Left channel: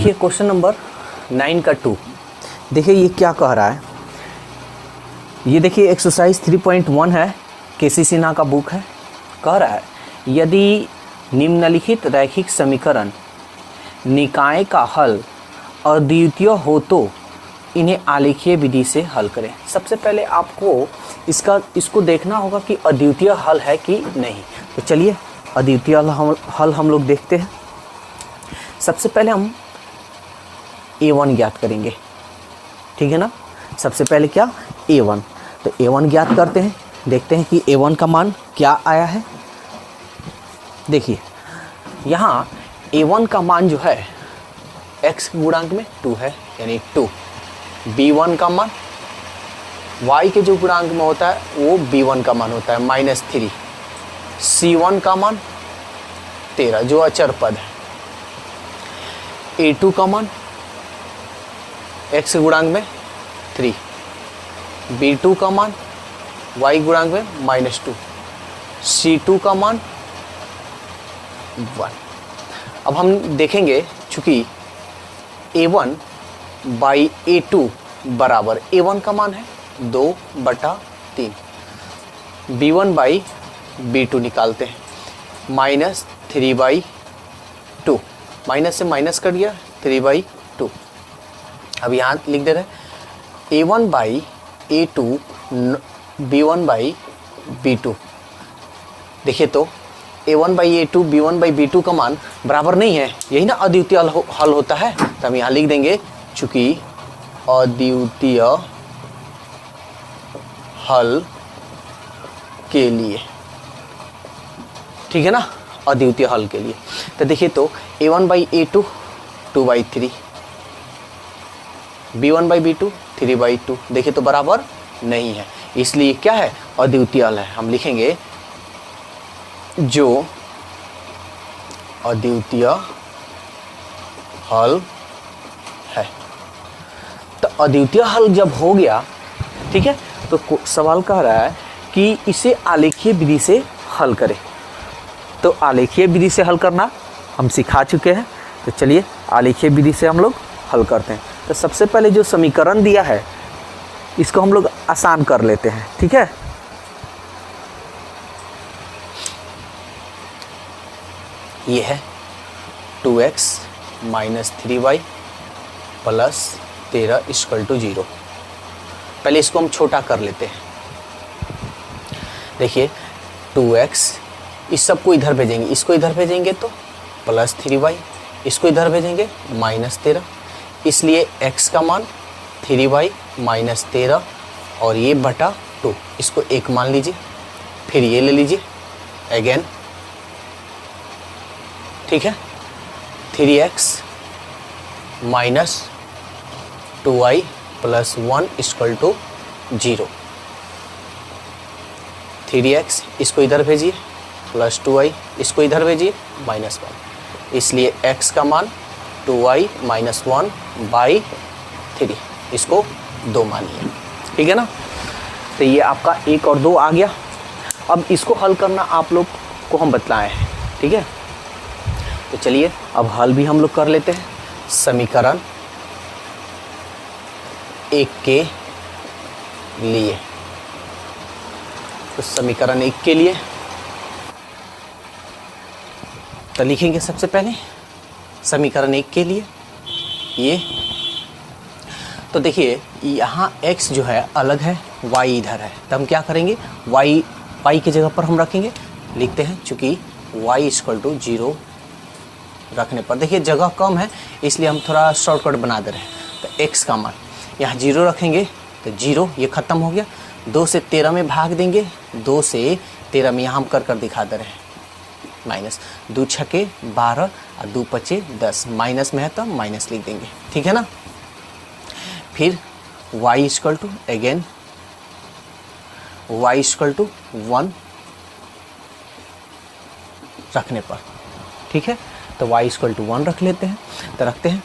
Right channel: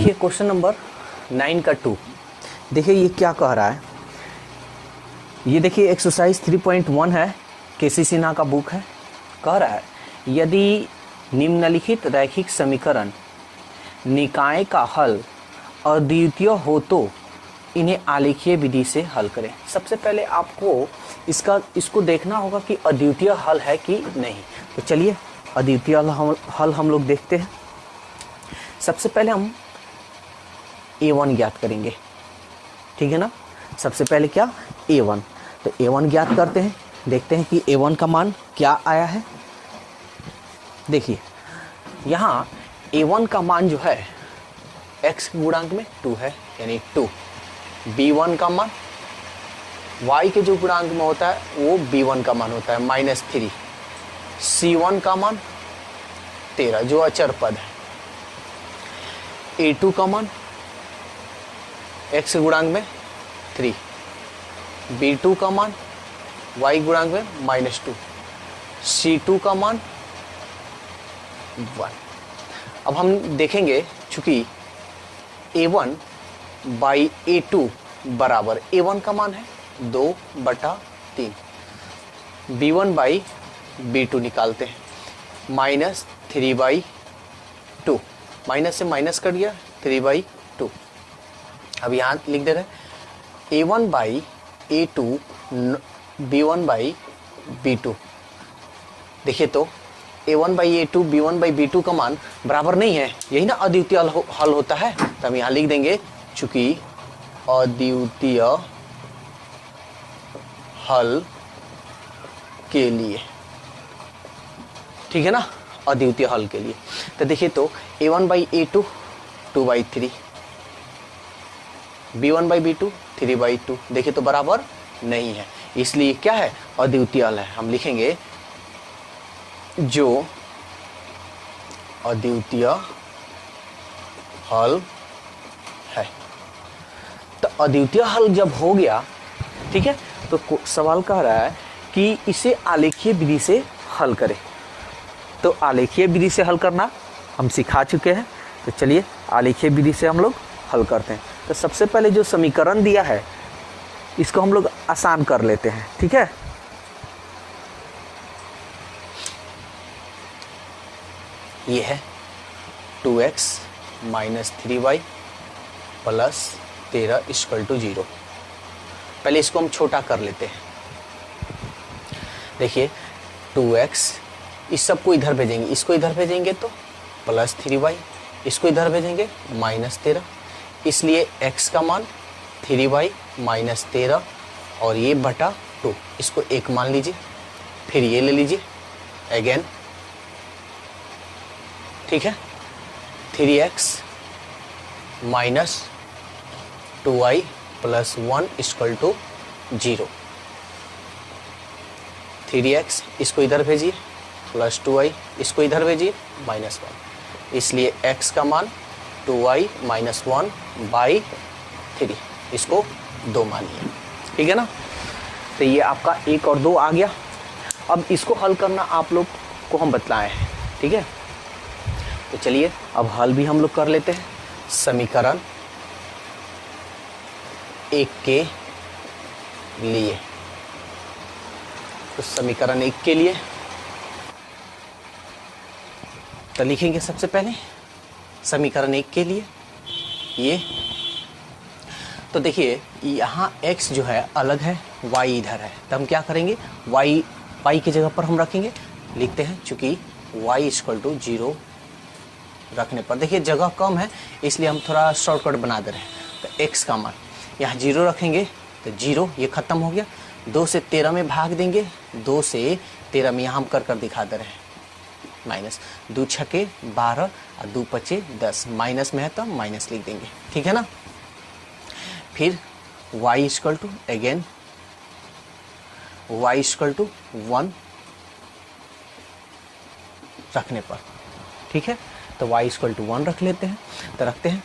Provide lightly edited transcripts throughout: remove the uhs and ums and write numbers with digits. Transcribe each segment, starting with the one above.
देखिए question number 9 का 2। देखिए ये क्या कह रहा है, ये देखिए एक्सरसाइज 3.1 है, केसी सिन्हा का बुक है। कह रहा है यदि निम्नलिखित रैखिक समीकरण निकाय का हल अद्वितीय हो तो इन्हें आलेखीय विधि से हल करें। सबसे पहले आपको इसको देखना होगा कि अद्वितीय हल है कि नहीं। तो चलिए अद्वितीय हल हम लोग देखते हैं। सबसे पहले हम a1 ज्ञात करेंगे, ठीक है ना। सबसे पहले क्या a1, तो a1 ज्ञात करते हैं। देखते हैं कि a1 का मान क्या आया है। देखिए यहाँ a1 का मान जो है x गुणांक में 2 है, यानी 2। b1 का मान y के जो गुणांक में होता है वो b1 का मान होता है -3। c1 का मान 13 जो अचर पद है। a2 का मान x गुणांक में 3, b2 का मान y गुणांक में -2, c2 का मान 1। अब हम देखेंगे चूंकि a1 बाई a2 बराबर a1 का मान है 2/3, b1 बाई b2 निकालते हैं -3/2, माइनस से माइनस कर दिया 3/2। अब यहाँ लिख दे रहे हैं a1 by a2 b1 by b2। देखिए तो a1 by a2 b1 by b2 का मान बराबर नहीं है, यही ना अद्वितीय हल होता है। तो हम यहाँ लिख देंगे चूंकि अद्वितीय हल के लिए, ठीक है ना, अद्वितीय हल के लिए। तो देखिए तो a1 by a2 2/3, b1 by b2 3/2। देखिए तो बराबर नहीं है, इसलिए क्या है अद्वितीय हल है। हम लिखेंगे जो अद्वितीय हल है। तो अद्वितीय हल जब हो गया, ठीक है, तो सवाल कह रहा है कि इसे आलेखीय विधि से हल करें। तो आलेखीय विधि से हल करना हम सिखा चुके हैं, तो चलिए आलेखीय विधि से हम लोग हल करते हैं। तो सबसे पहले जो समीकरण दिया है इसको हम लोग आसान कर लेते हैं, ठीक है। ये है 2x - 3y + 13 = 0। पहले इसको हम छोटा कर लेते हैं। देखिए 2x, इस सब को इधर भेजेंगे, इसको इधर भेजेंगे तो +3y, इसको इधर भेजेंगे -13, इसलिए x का मान 3y - 13 और ये बटा 2, इसको 1 मान लीजिए। फिर ये ले लीजिए अगेन, ठीक है, 3x - 2y + 1 = 0। 3x इसको इधर भेजिए + 2y, इसको इधर भेजिए -1, इसलिए x का मान 2y - 1/3, इसको 2 मानिए, ठीक है ना। तो ये आपका 1 और 2 आ गया। अब इसको हल करना आप लोग को हम बतलाए हैं, ठीक है। तो चलिए अब हल भी हम लोग कर लेते हैं। समीकरण 1 के लिए, तो समीकरण 1 के लिए तो लिखेंगे सबसे पहले समीकरण 1 के लिए ये। तो देखिए यहाँ x जो है अलग है, y इधर है, तो हम क्या करेंगे y की जगह पर हम रखेंगे, लिखते हैं चूंकि y = 0 रखने पर, देखिए जगह कम है इसलिए हम थोड़ा शॉर्टकट बना दे रहे हैं। तो x का मान यहाँ 0 रखेंगे, तो 0 ये खत्म हो गया। 2 से 13 में भाग देंगे, 2 से 13 में यहाँ हम कर दिखा दे रहे हैं -2 × 6 = 12 और 2 × 5 = 10, माइनस में है तो माइनस लिख देंगे, ठीक है ना। फिर y = अगेन y = 1 रखने पर, ठीक है। तो y = 1 रख लेते हैं। तो रखते हैं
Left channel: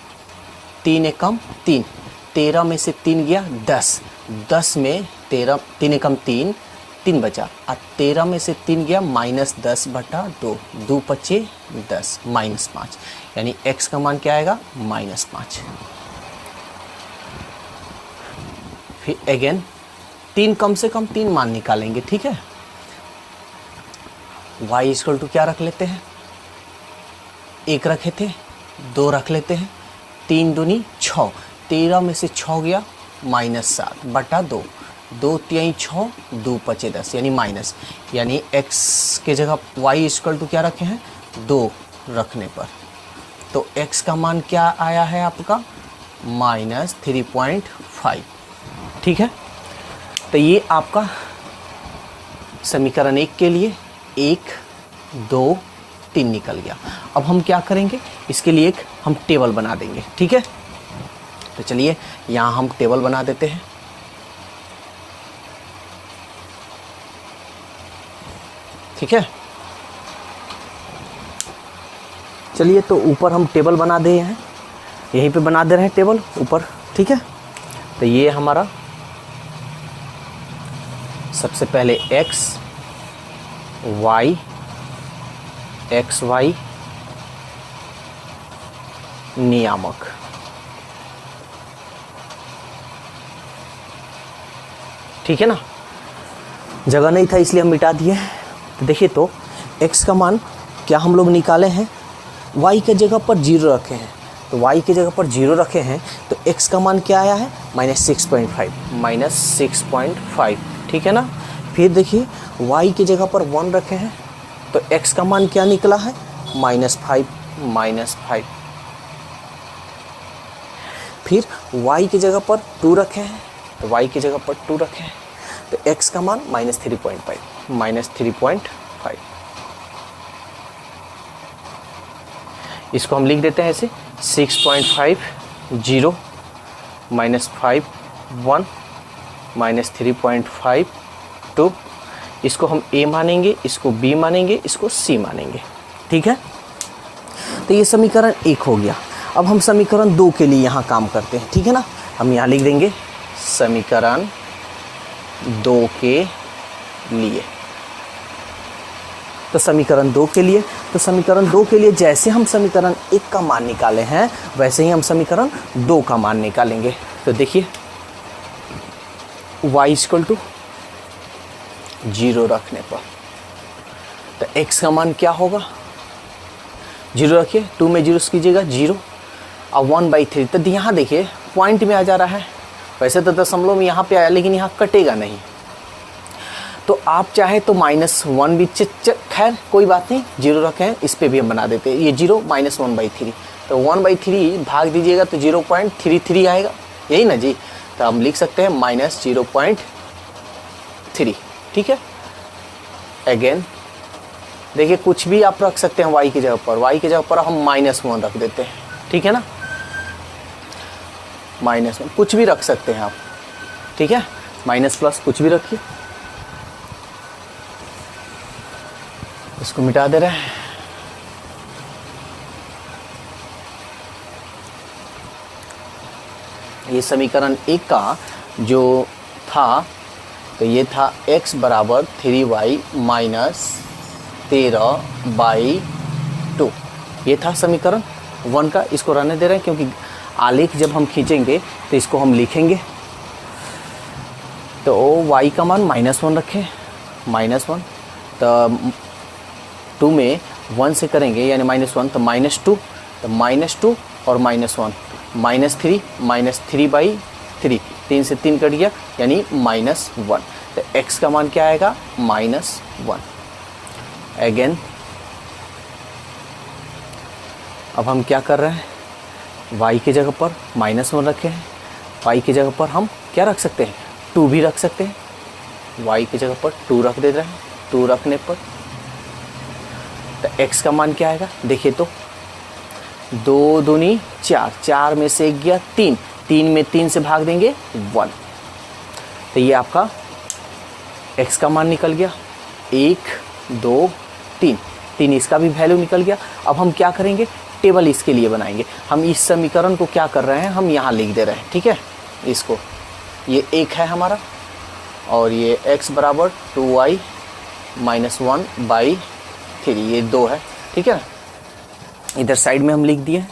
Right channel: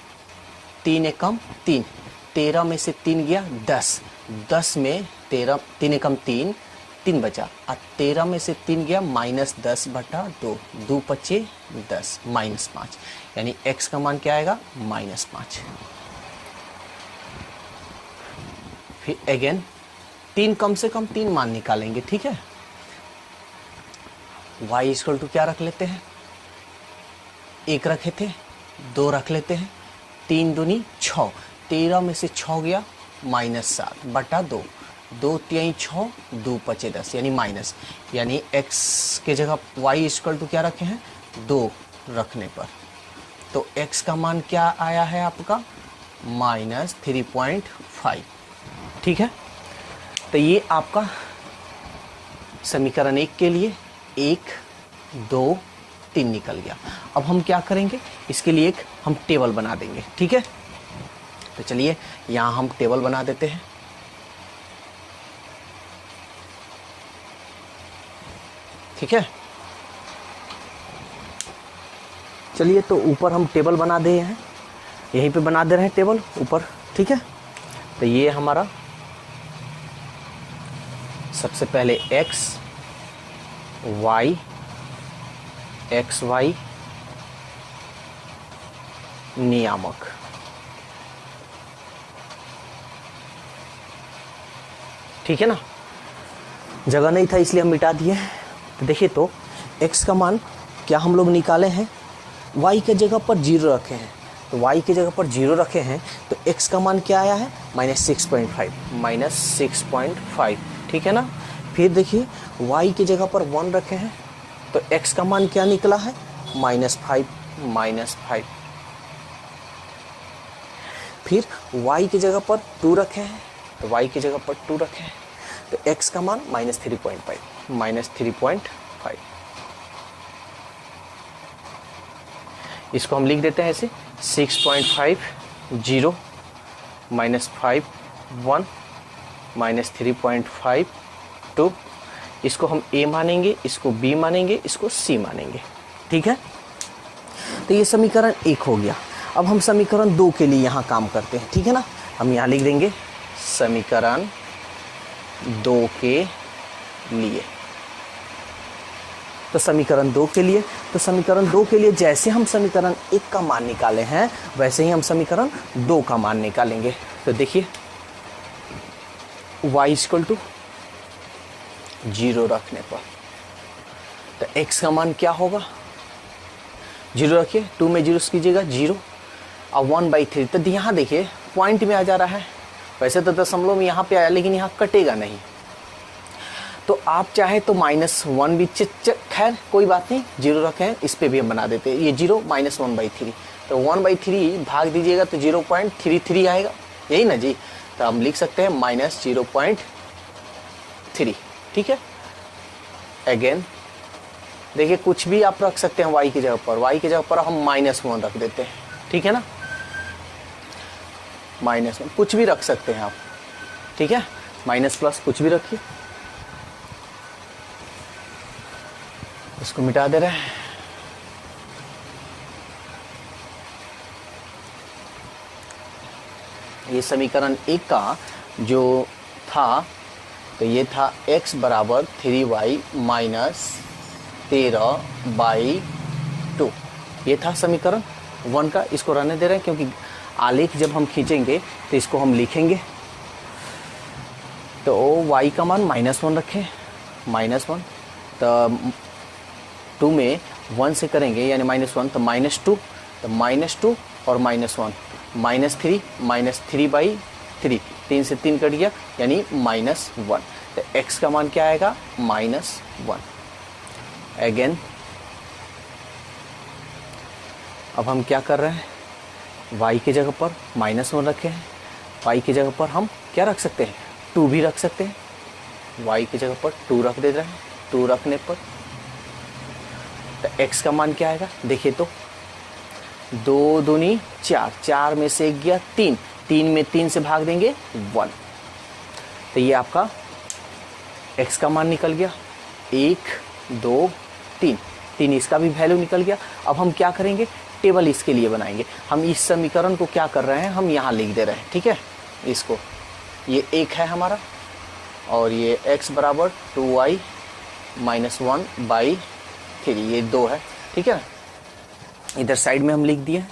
3 × 3, 13 में से 3 गया 10, 10 में 13, 3 × 3 3 बचा, और 13 में से 3 गया -10/2, 2 पचे 10, -5, यानी x का मान क्या आएगा -5। फिर अगेन 3 कम से कम 3 मान निकालेंगे, ठीक है। y इक्वल टू क्या रख लेते हैं, 1 रखे थे, 2 रख लेते हैं, 3 दूनी 6, 13 में से 6 गया -7/2, 2 3 6, 2 पचे 10, यानी माइनस, यानी x के जगह y इक्वल टू क्या रखे हैं 2 रखने पर, तो x का मान क्या आया है आपका -3.5, ठीक है। तो ये आपका समीकरण 1 के लिए 1 2 3 निकल गया। अब हम क्या करेंगे, इसके लिए एक हम टेबल बना देंगे, ठीक है। तो चलिए यहाँ हम टेबल बना देते हैं। ठीक है, चलिए तो ऊपर हम टेबल बना दे हैं, यहीं पे बना दे रहे हैं टेबल ऊपर, ठीक है। तो ये हमारा सबसे पहले x y x y नियामक, ठीक है ना, जगह नहीं था इसलिए हम मिटा दिए। देखिए तो x का मान क्या हम लोग निकाले हैं, y के जगह पर 0 रखे हैं, तो y के जगह पर 0 रखे हैं तो x का मान क्या आया है -6.5, ठीक है ना। फिर देखिए y की जगह पर 1 रखे हैं तो x का मान क्या निकला है -5। फिर y की जगह पर 2 रखे हैं तो y की जगह पर 2 रखे हैं तो x का मान -3.5। इसको हम लिख देते हैं ऐसे 6.5 0 -5 1 -3.5 2, इसको हम a मानेंगे, इसको b मानेंगे, इसको c मानेंगे, ठीक है। तो ये समीकरण 1 हो गया। अब हम समीकरण 2 के लिए यहाँ काम करते हैं, ठीक है ना। हम यहाँ लिख देंगे समीकरण 2 के लिए। तो समीकरण 2 के लिए जैसे हम समीकरण 1 का मान निकाले हैं वैसे ही हम समीकरण 2 का मान निकालेंगे। तो देखिए y इक्वल टू 0 रखने पर तो x का मान क्या होगा, 0 रखिए, 2 में 0 कीजिएगा 0 और 1/3। तो यहाँ देखिए पॉइंट में आ जा रहा है, वैसे तो दशमलव में यहाँ पे आया लेकिन यहाँ कटेगा नहीं, तो आप चाहे तो -1 भी, खैर कोई बात नहीं, 0 रखे हैं, इस पे भी हम बना देते हैं, ये 0 -1/3, तो 1/3 भाग दीजिएगा तो 0.33 आएगा, यही ना जी। तो हम लिख सकते हैं -0.3, ठीक है। अगेन देखिए कुछ भी आप रख सकते हैं y की जगह पर, y की जगह पर हम -1 रख देते हैं, ठीक है ना, -1 कुछ भी रख सकते हैं आप, ठीक है, माइनस प्लस कुछ भी रखिए। इसको मिटा दे रहे हैं, ये समीकरण 1 का जो था तो ये था x बराबर 3y - 13/2, ये था समीकरण 1 का। इसको रहने दे रहे हैं क्योंकि आलेख जब हम खींचेंगे तो इसको हम लिखेंगे। तो y का मान -1 रखें, -1, तो 2 में 1 से करेंगे यानी -1, तो -2, तो -2 और -1 -3 -3/3, 3 से 3 कट गया यानी -1, तो x का मान क्या आएगा -1। अगेन अब हम क्या कर रहे हैं, y की जगह पर -1 रखे हैं, y की जगह पर हम क्या रख सकते हैं 2 भी रख सकते हैं, y की जगह पर 2 रख दे रहे हैं, 2 रखने पर तो x का मान क्या आएगा, देखिए तो 2 दूनी 4, 4 में से 1 गया 3, 3 में 3 से भाग देंगे 1, तो ये आपका x का मान निकल गया 1 2 3, 3 इसका भी वैल्यू निकल गया। अब हम क्या करेंगे, टेबल इसके लिए बनाएंगे। हम इस समीकरण को क्या कर रहे हैं, हम यहाँ लिख दे रहे हैं, ठीक है। इसको ये 1 है हमारा, और ये x बराबर 2y - 1/3, ये 2 है, ठीक है। इधर साइड में हम लिख दिए।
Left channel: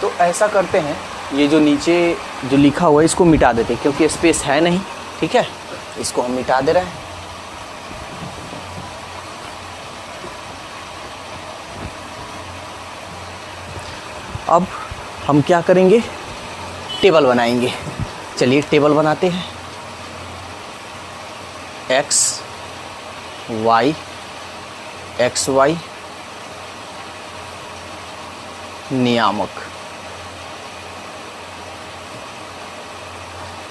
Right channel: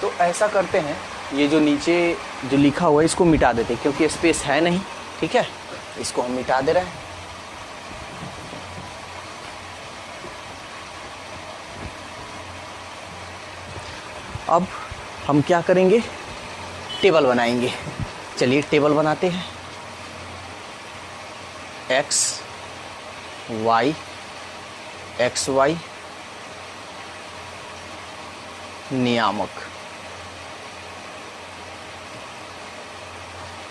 तो ऐसा करते हैं, ये जो नीचे जो लिखा हुआ है इसको मिटा देते हैं क्योंकि स्पेस है नहीं, ठीक है। इसको हम मिटा दे रहे हैं। अब हम क्या करेंगे, टेबल बनाएंगे। चलिए टेबल बनाते हैं। x y x y नियामक।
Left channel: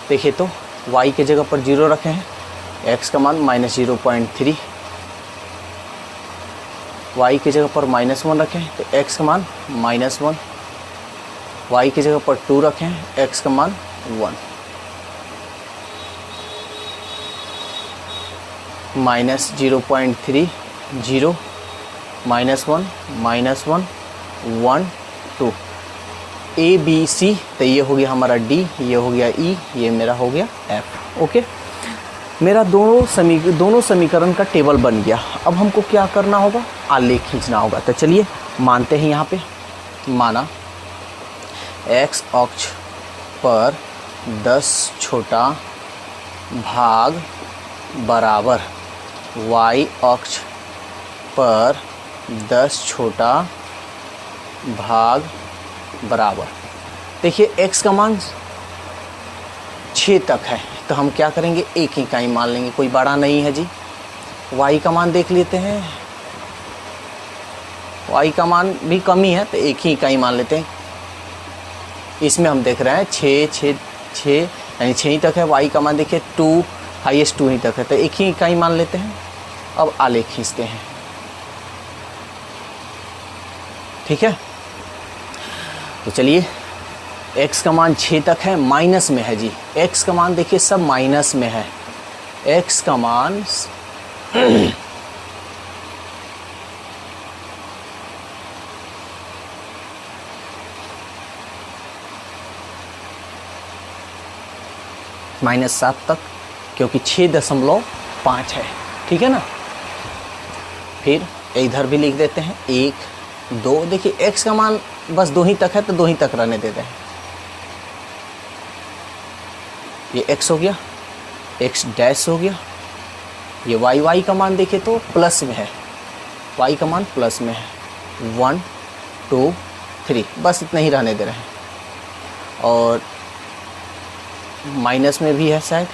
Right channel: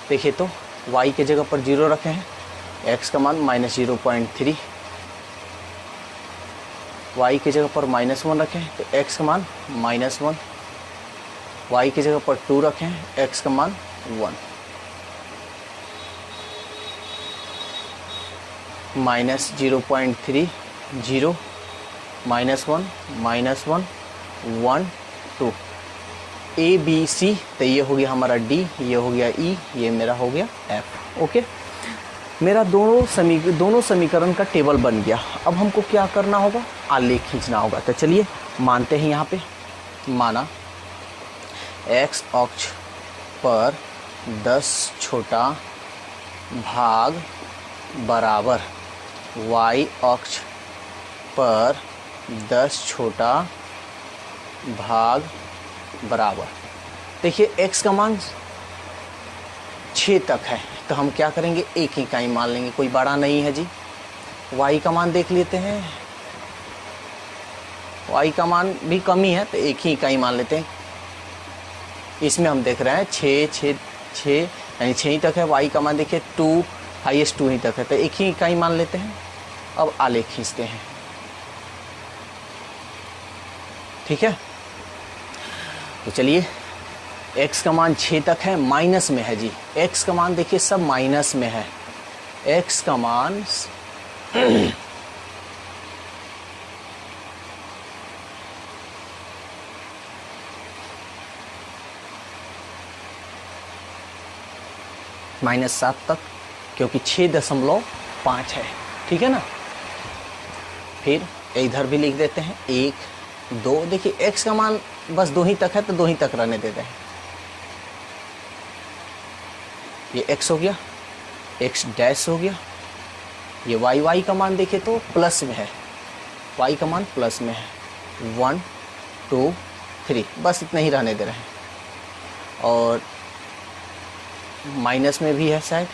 देखिए तो y के जगह पर 0 रखे हैं, x का मान -0.3, y की जगह पर -1 रखें तो x का मान -1, y की जगह पर 2 रखें, x का मान 1, -0.3 0 -1 -1 1 2 A B C। तो ये हो गया हमारा D, ये हो गया E, ये मेरा हो गया F। ओके, मेरा दोनों समीकरण का टेबल बन गया। अब हमको क्या करना होगा, आलेख खींचना होगा। तो चलिए मानते हैं, यहाँ पे माना x अक्ष पर 10 छोटा भाग बराबर y अक्ष पर 10 छोटा भाग बराबर। देखिए x का मान 6 तक है तो हम क्या करेंगे, एक ही इकाई मान लेंगे, कोई बड़ा नहीं है जी। y का मान देख लेते हैं, y का मान भी कम ही है तो एक ही इकाई मान लेते हैं। इसमें हम देख रहे हैं 6 यानी 6 ही तक है। y का मान देखिए 2, हाईएस्ट 2 ही तक है तो एक ही इकाई मान लेते हैं। अब आलेख खींचते हैं, ठीक है। तो चलिए x का मान 6 तक है, माइनस में है जी। x का मान देखिए सब माइनस में है। x का मान -7 तक, क्योंकि 6.5 है, ठीक है ना। फिर इधर भी लिख देते हैं 1 2। देखिए x का मान बस 2 ही तक है तो 2 ही तक रहने देते हैं। ये x हो गया, x डैश हो गया। ये y का मान देखिए तो प्लस में है, y का मान प्लस में है। 1 2 3 बस इतना ही रहने दे रहे हैं। और माइनस में भी है शायद,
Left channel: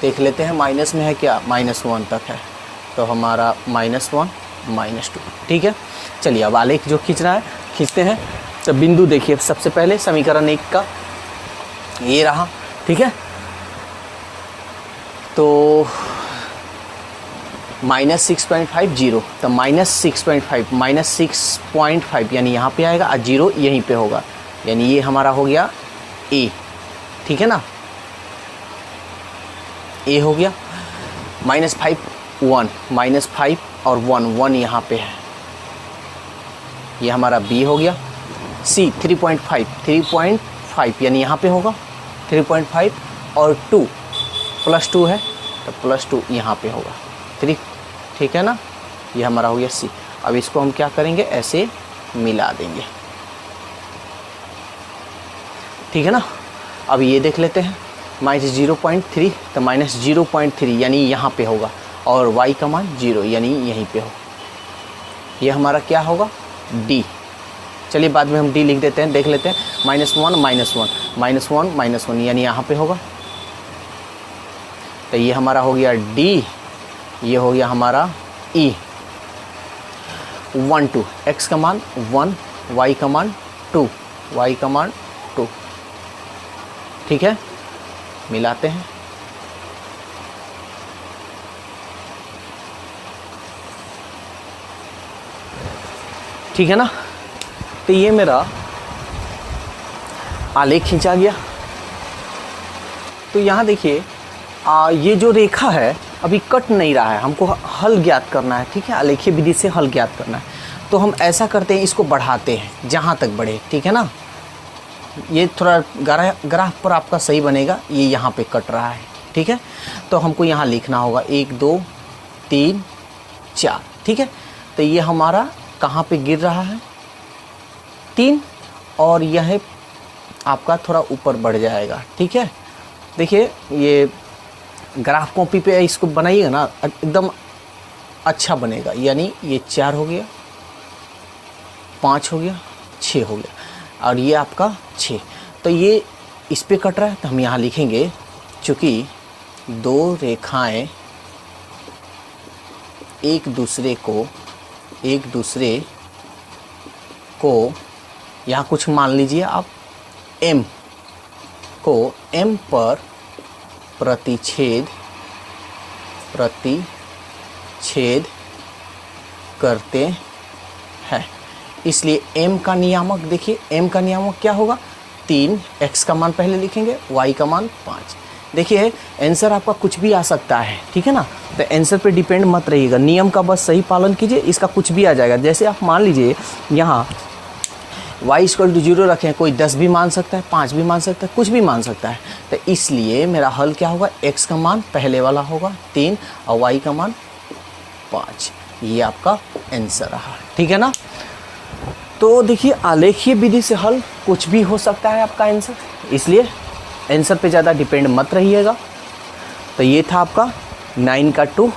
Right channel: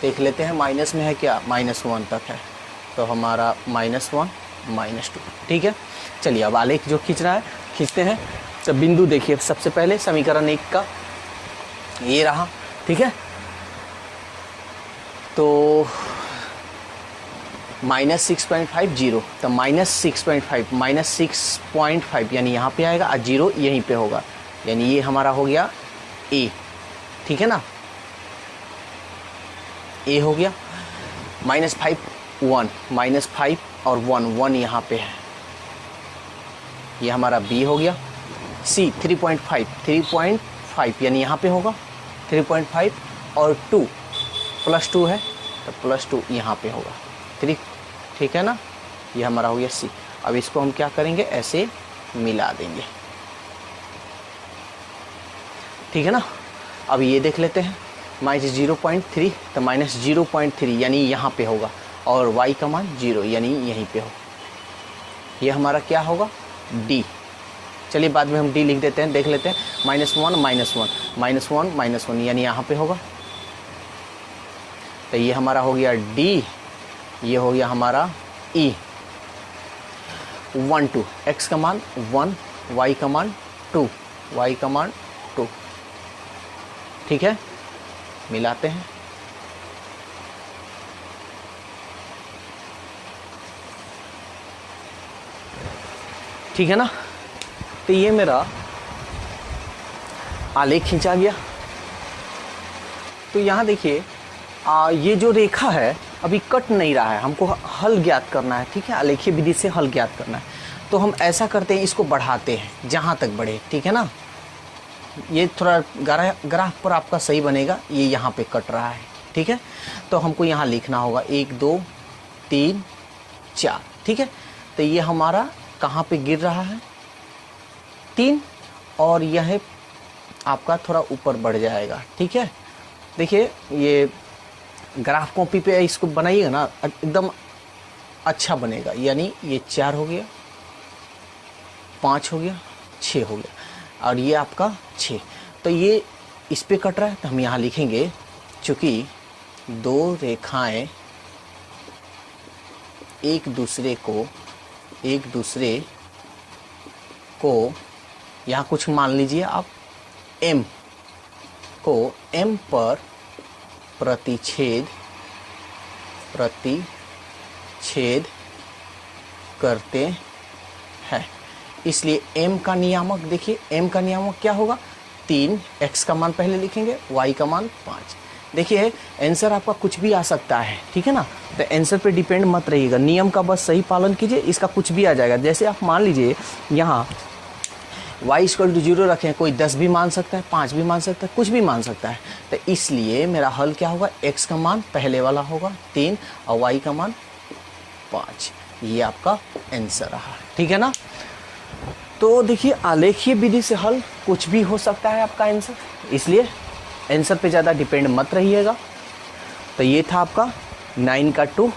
देख लेते हैं माइनस में है क्या, -1 तक है तो हमारा -1 -2, ठीक है। चलिए अब आलेख जो खींचना है खींचते हैं। तो बिंदु देखिए, सबसे पहले समीकरण 1 का ये रहा, ठीक है। तो -6.50 तो -6.5 यानी यहाँ पे आएगा और 0 यहीं पे होगा, यानी ये हमारा हो गया A, ठीक है ना। A हो गया। -5 1 -5 और 1 यहाँ पे है, ये हमारा B हो गया। C 3.5 यानी यहाँ पे होगा 3.5 और 2 +2 है तो +2 यहाँ पे होगा 3, ठीक है ना। ये हमारा हो गया C। अब इसको हम क्या करेंगे, ऐसे मिला देंगे, ठीक है ना। अब ये देख लेते हैं -0.3 तो -0.3 यानी यहाँ पे होगा और y का मान 0 यानी यहीं पे हो। ये हमारा क्या होगा, D। चलिए बाद में हम D लिख देते हैं, देख लेते हैं। -1 यानी यहाँ पे होगा तो ये हमारा हो गया D, ये हो गया हमारा E। 1 2 x का मान 1, y का मान 2, ठीक है। मिलाते हैं, ठीक है ना। तो ये मेरा आलेख खींचा गया। तो यहाँ देखिए ये जो रेखा है अभी कट नहीं रहा है, हमको हल ज्ञात करना है, ठीक है। आलेखीय विधि से हल ज्ञात करना है। तो हम ऐसा करते हैं, इसको बढ़ाते हैं जहाँ तक बढ़े, ठीक है ना। ये थोड़ा ग्राफ पर आपका सही बनेगा, ये यहाँ पे कट रहा है, ठीक है। तो हमको यहाँ लिखना होगा 1 2 3 4, ठीक है। तो ये हमारा कहाँ पे गिर रहा है 3, और यह आपका थोड़ा ऊपर बढ़ जाएगा, ठीक है। देखिए ये ग्राफ कॉपी पे इसको बनाइएगा ना एकदम अच्छा बनेगा, यानी ये 4 हो गया, 5 हो गया, 6 हो गया, और ये आपका 6। तो ये इस पे कट रहा है, तो हम यहाँ लिखेंगे चूँकि 2 रेखाएं एक दूसरे को यहाँ कुछ मान लीजिए आप M को M पर प्रतिच्छेद करते हैं, इसलिए M का नियामक देखिए, M का नियामक क्या होगा 3, X का मान पहले लिखेंगे, Y का मान 5। देखिए आंसर आपका कुछ भी आ सकता है, ठीक है ना। तो आंसर पे डिपेंड मत रहिएगा, नियम का बस सही पालन कीजिए, इसका कुछ भी आ जाएगा। जैसे आप मान लीजिए यहाँ y = 0 रखें, कोई 10 भी मान सकता है, 5 भी मान सकता है, कुछ भी मान सकता है। तो इसलिए मेरा हल क्या होगा, x का मान पहले वाला होगा 3 और y का मान 5। ये आपका आंसर रहा, ठीक है ना। तो देखिए आलेखीय विधि से हल कुछ भी हो सकता है आपका आंसर, इसलिए आंसर पे ज़्यादा डिपेंड मत रहिएगा। तो ये था आपका 9 का 2।